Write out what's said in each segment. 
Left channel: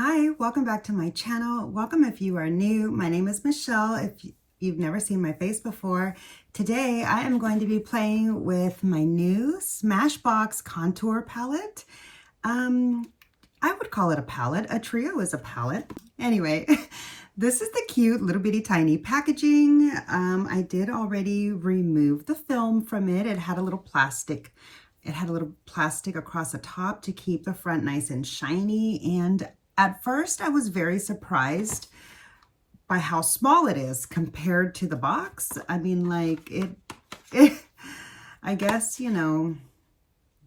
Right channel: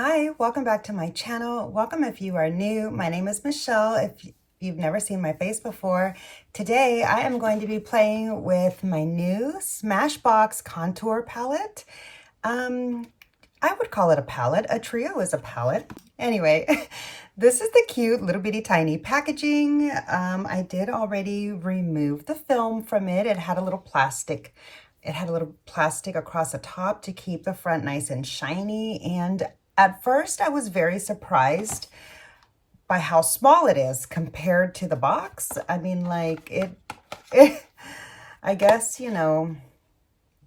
Hi, welcome back to my channel. Welcome if you are new. My name is Michelle. If you've never seen my face before, today I am going to be playing with my new Smashbox contour palette. I would call it a palette. A trio is a palette. Anyway, this is the cute little bitty tiny packaging. I did already remove the film from it. It had a little plastic. It had a little plastic across the top to keep the front nice and shiny. And at first, I was very surprised by how small it is compared to the box. I mean, like, I guess, you know,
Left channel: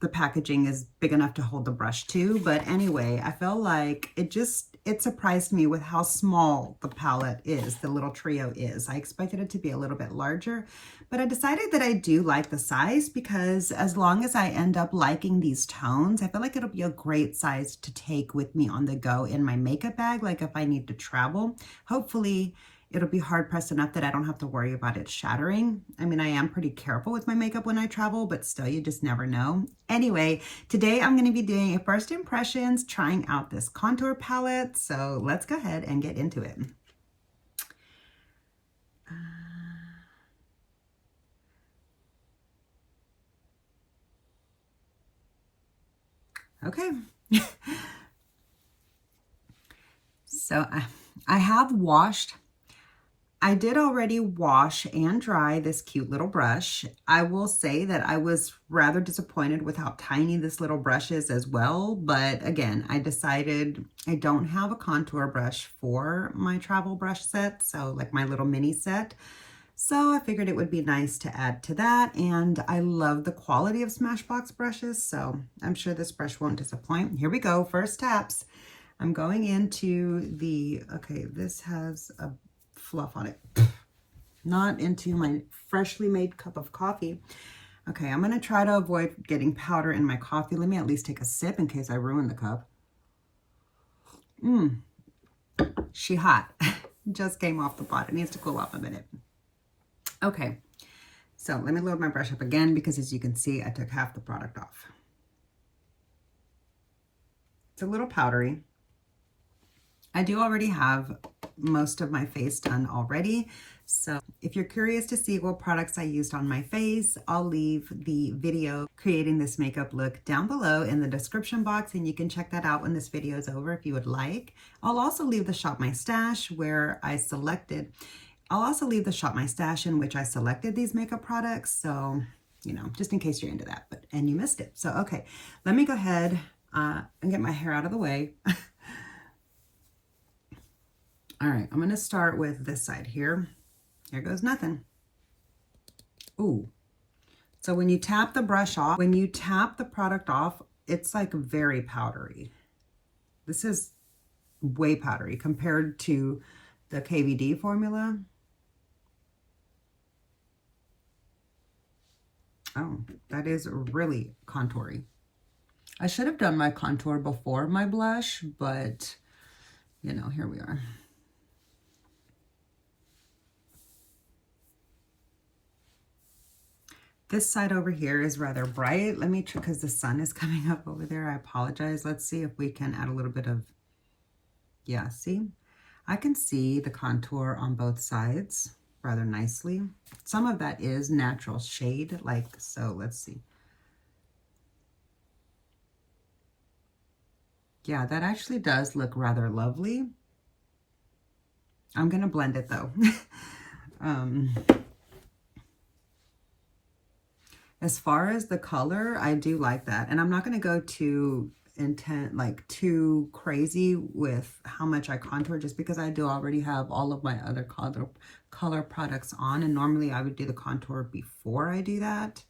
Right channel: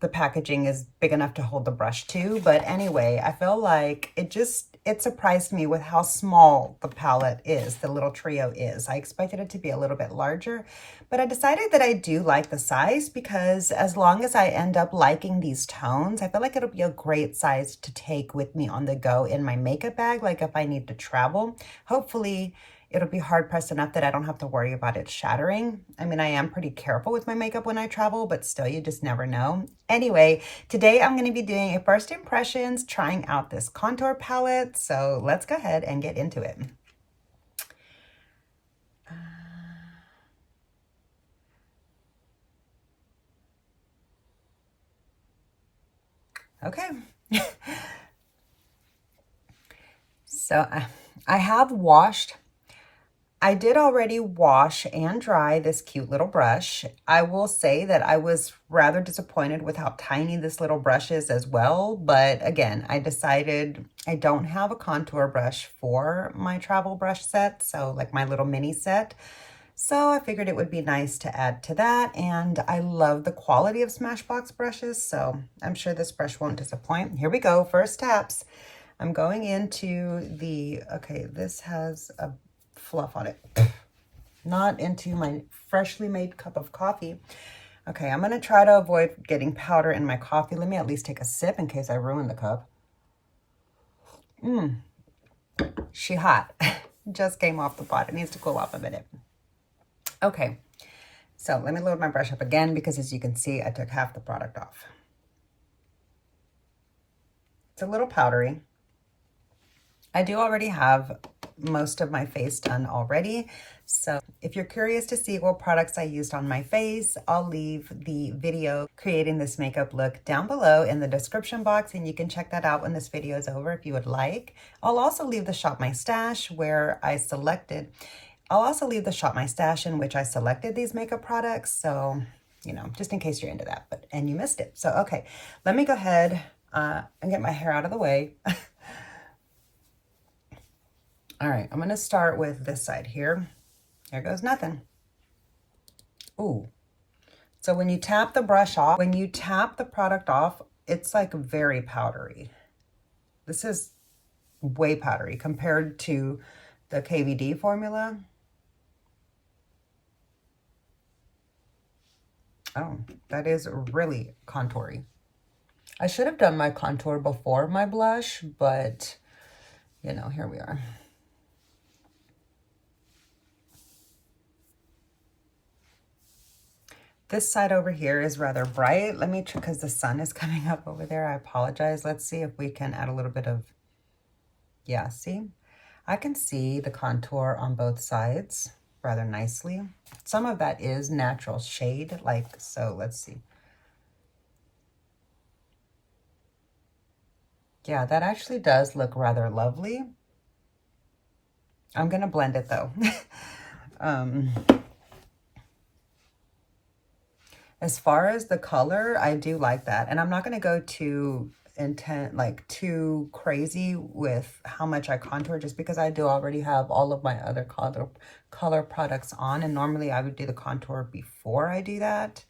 the packaging is big enough to hold the brush too. But anyway, I feel like it surprised me with how small the palette is, the little trio is. I expected it to be a little bit larger, but I decided that I do like the size because as long as I end up liking these tones, I feel like it'll be a great size to take with me on the go in my makeup bag. Like if I need to travel, hopefully it'll be hard pressed enough that I don't have to worry about it shattering. I mean, I am pretty careful with my makeup when I travel, but still, you just never know. Anyway, today I'm going to be doing a first impressions, trying out this contour palette. So let's go ahead and get into it. Okay. So I have washed. I did already wash and dry this cute little brush. I will say that I was rather disappointed with how tiny this little brush is as well. But again, I decided I don't have a contour brush for my travel brush set. So like my little mini set. So I figured it would be nice to add to that. And I love the quality of Smashbox brushes. So I'm sure this brush won't disappoint. Here we go. First taps. I'm going into the, okay, this has a fluff on it, not into my freshly made cup of coffee. Okay, I'm gonna try to avoid getting powder in my coffee. Let me at least take a sip in case I ruin the cup. She hot. Just came off the pot. It needs to cool off a minute. Okay, so let me load my brush up again because as you can see, I took half the product off. It's a little powdery. I do already have most of my face done already. So if you're curious to see what products I used on my face, I'll leave the video creating this makeup look down below in the description box, and you can check that out when this video is over if you would like. I'll also leave the Shop My Stash where I selected, I'll also leave the Shop My Stash in which I selected these makeup products. So, you know, just in case you're into that, and you missed it. So, okay, let me go ahead and get my hair out of the way. All right, I'm gonna start with this side here. Here goes nothing. Ooh. So when you tap the brush off, when you tap the product off, it's like very powdery. This is way powdery compared to the KVD formula. Oh, that is really contoury. I should have done my contour before my blush, but you know, here we are. This side over here is rather bright. Let me check because the sun is coming up over there. I apologize. Let's see if we can add a little bit of, yeah, see? I can see the contour on both sides rather nicely. Some of that is natural shade, like so. Let's see. Yeah, that actually does look rather lovely. I'm going to blend it though. As far as the color, I do like that. And I'm not going to go too too crazy with how much I contour just because I do already have all of my other color products on. And normally I would do the contour before I do that.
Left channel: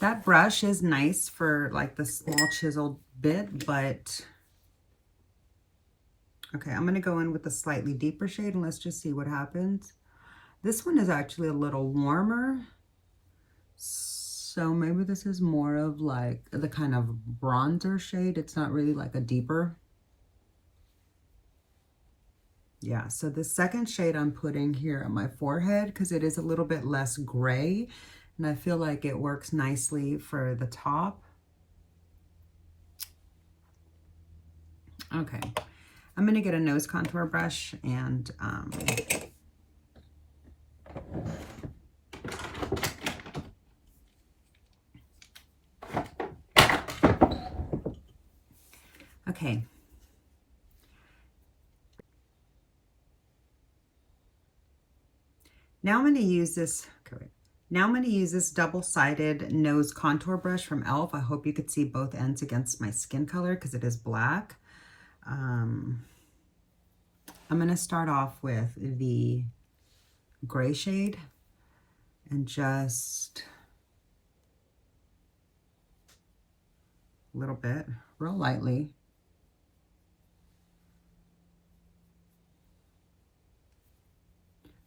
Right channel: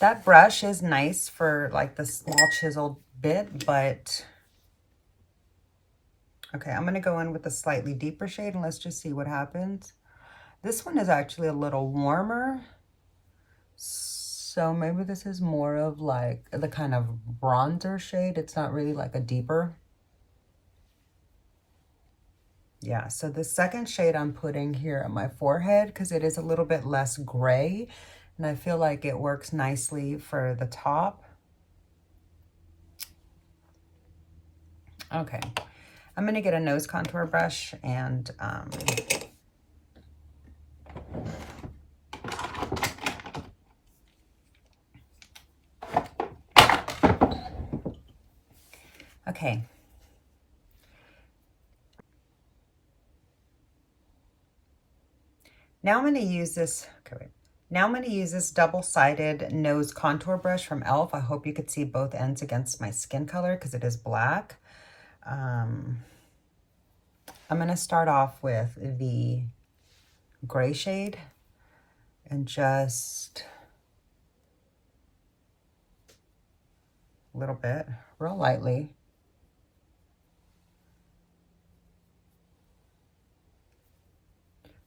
That brush is nice for like the small chiseled bit, but okay, I'm going to go in with a slightly deeper shade and let's just see what happens. This one is actually a little warmer. So maybe this is more of like the kind of bronzer shade. It's not really like a deeper. Yeah, so the second shade I'm putting here on my forehead because it is a little bit less gray. And I feel like it works nicely for the top. Okay, I'm going to get a nose contour brush and okay. Now I'm going to use this, okay, wait. Now I'm going to use this double-sided nose contour brush from e.l.f. I hope you could see both ends against my skin color because it is black. I'm going to start off with the gray shade and just a little bit, real lightly.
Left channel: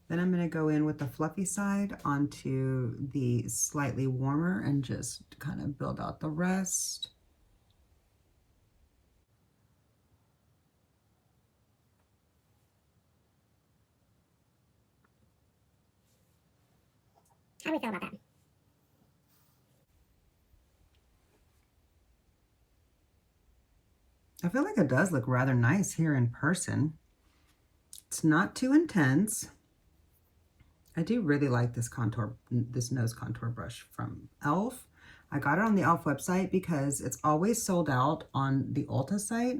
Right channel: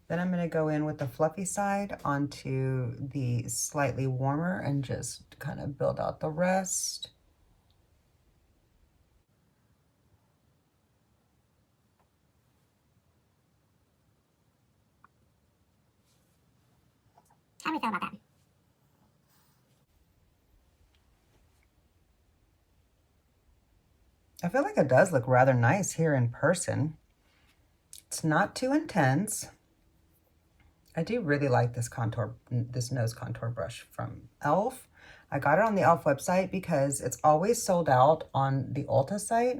Then I'm going to go in with the fluffy side onto the slightly warmer and just kind of build out the rest. How do we feel about that? I feel like it does look rather nice here in person. It's not too intense. I do really like this nose contour brush from e.l.f. I got it on the e.l.f. website because it's always sold out on the Ulta site.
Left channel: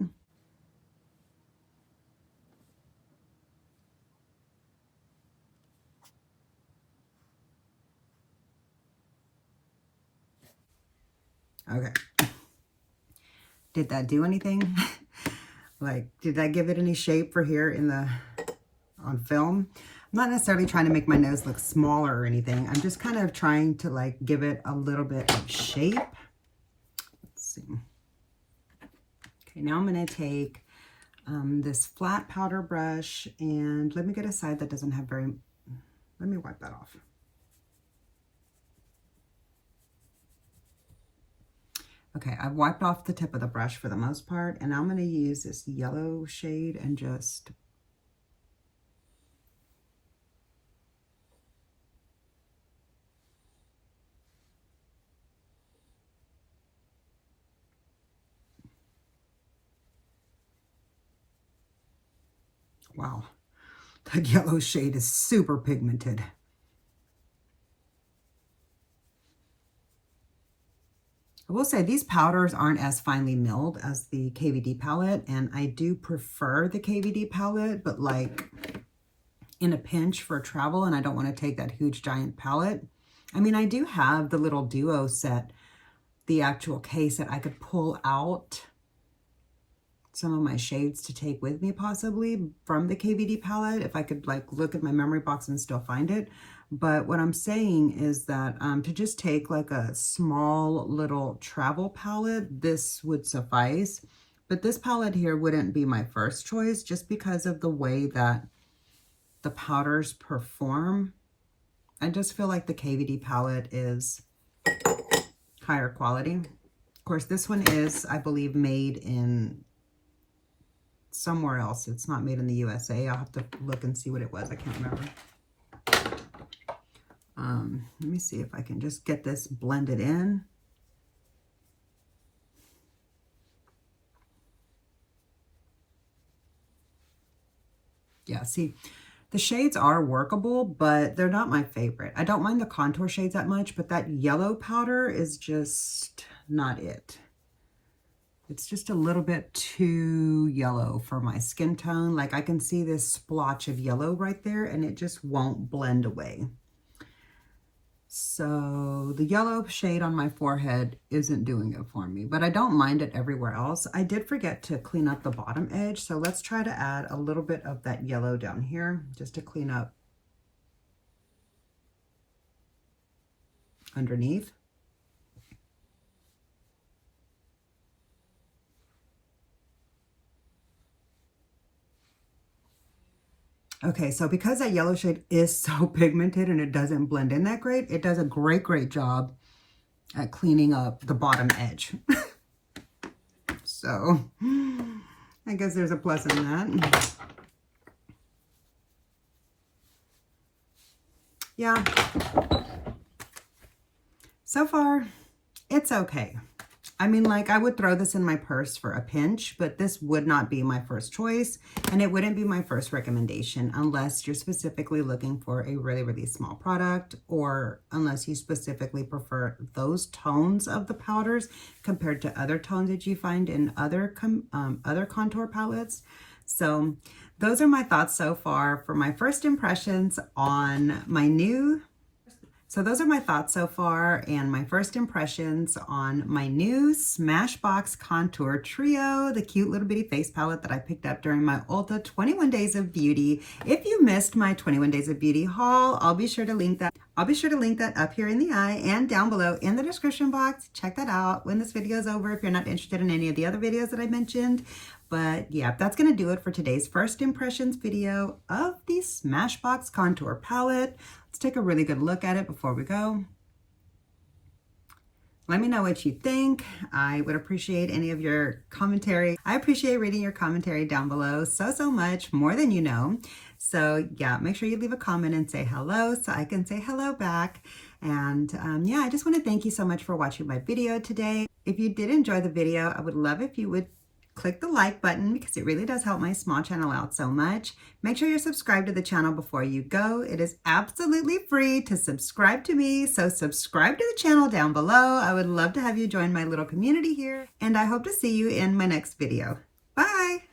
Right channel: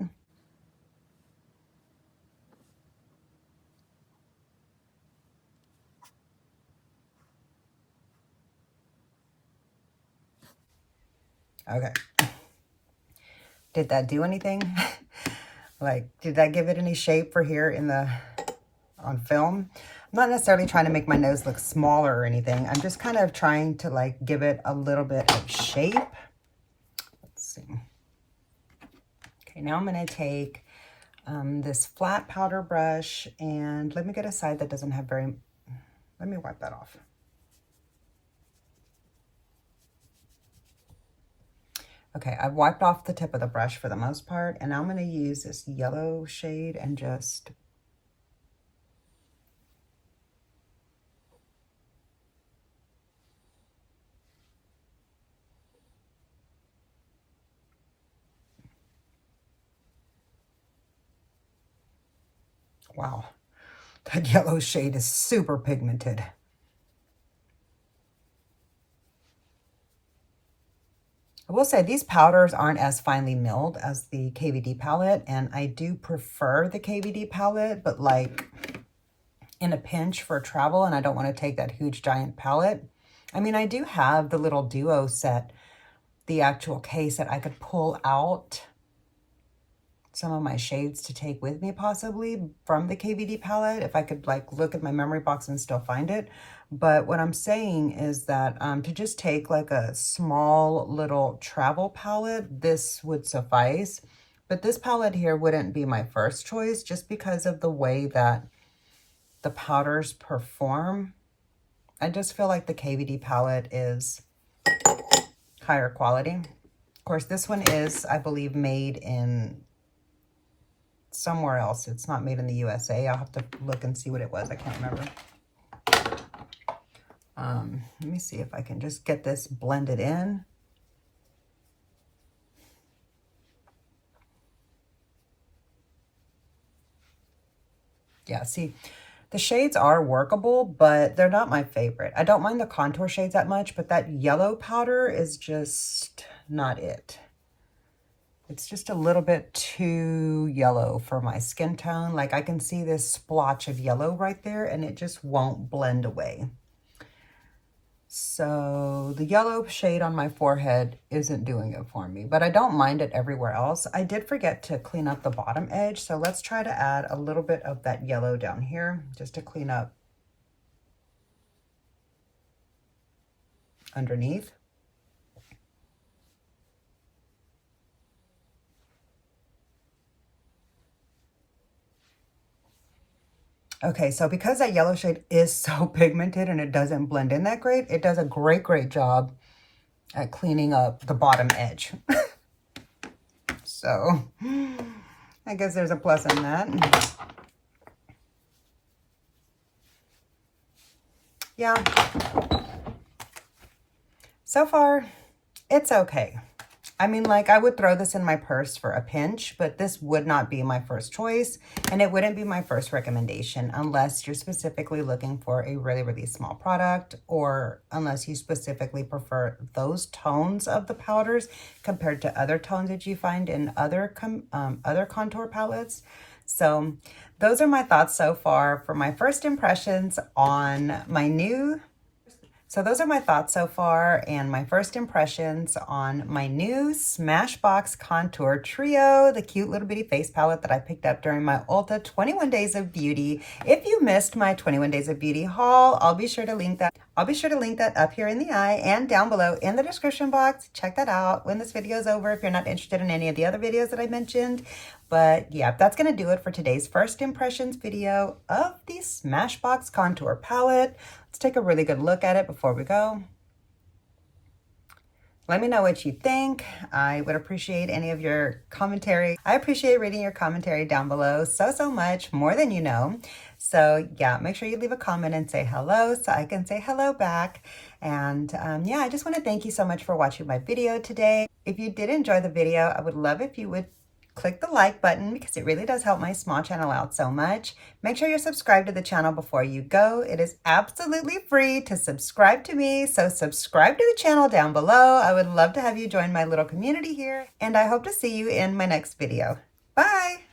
Okay. Did that do anything? Like, did that give it any shape for here on film? I'm not necessarily trying to make my nose look smaller or anything. I'm just kind of trying to like give it a little bit of shape. Let's see. Okay, now I'm going to take this flat powder brush and let me get a side that doesn't have let me wipe that off. Okay, I've wiped off the tip of the brush for the most part, and I'm going to use this yellow shade and just wow, that yellow shade is super pigmented. I will say these powders aren't as finely milled as the KVD palette, and I do prefer the KVD palette, but like in a pinch for travel and I don't want to take that huge giant palette. I mean, I do have the little duo set, the actual case that I could pull out some of my shades to take with me possibly from the KVD palette if I could like look at my memory box and still find it. But what I'm saying is that to just take like a small little travel palette, this would suffice. But this palette here wouldn't be my first choice just because of the way that the powders perform. I just feel like the KVD palette is higher quality. Of course, this one is, I believe, made in somewhere else. It's not made in the USA. I'll have to look and see what it was. I can't remember. Let me see if I can just get this blended in. Yeah, see, the shades are workable, but they're not my favorite. I don't mind the contour shades that much, but that yellow powder is just not it. It's just a little bit too yellow for my skin tone. Like I can see this splotch of yellow right there and it just won't blend away. So the yellow shade on my forehead isn't doing it for me, but I don't mind it everywhere else. I did forget to clean up the bottom edge. So let's try to add a little bit of that yellow down here just to clean up underneath. Okay, so because that yellow shade is so pigmented and it doesn't blend in that great, it does a great, great job at cleaning up the bottom edge. So I guess there's a plus in that. Yeah. So far, it's okay. I mean, like, I would throw this in my purse for a pinch, but this would not be my first choice, and it wouldn't be my first recommendation unless you're specifically looking for a really, really small product, or unless you specifically prefer those tones of the powders compared to other tones that you find in other contour palettes. So those are my thoughts so far for my first impressions on my new those are my thoughts so far and my first impressions on my new Smashbox Contour Trio, the cute little bitty face palette that I picked up during my Ulta 21 Days of Beauty. If you missed my 21 Days of Beauty haul, I'll be sure to link that. Up here in the eye and down below in the description box. Check that out when this video is over if you're not interested in any of the other videos that I mentioned. But yeah, that's going to do it for today's first impressions video of the Smashbox Contour Palette. Let's take a really good look at it before we go. Let me know what you think. I would appreciate any of your commentary. I appreciate reading your commentary down below so much, more than you know. So yeah, make sure you leave a comment and say hello so I can say hello back. And yeah, I just want to thank you so much for watching my video today. If you did enjoy the video, I would love if you would click the like button because it really does help my small channel out so much. Make sure you're subscribed to the channel before you go. It is absolutely free to subscribe to me, so subscribe to the channel down below. I would love to have you join my little community here, and I hope to see you in my next video. Bye!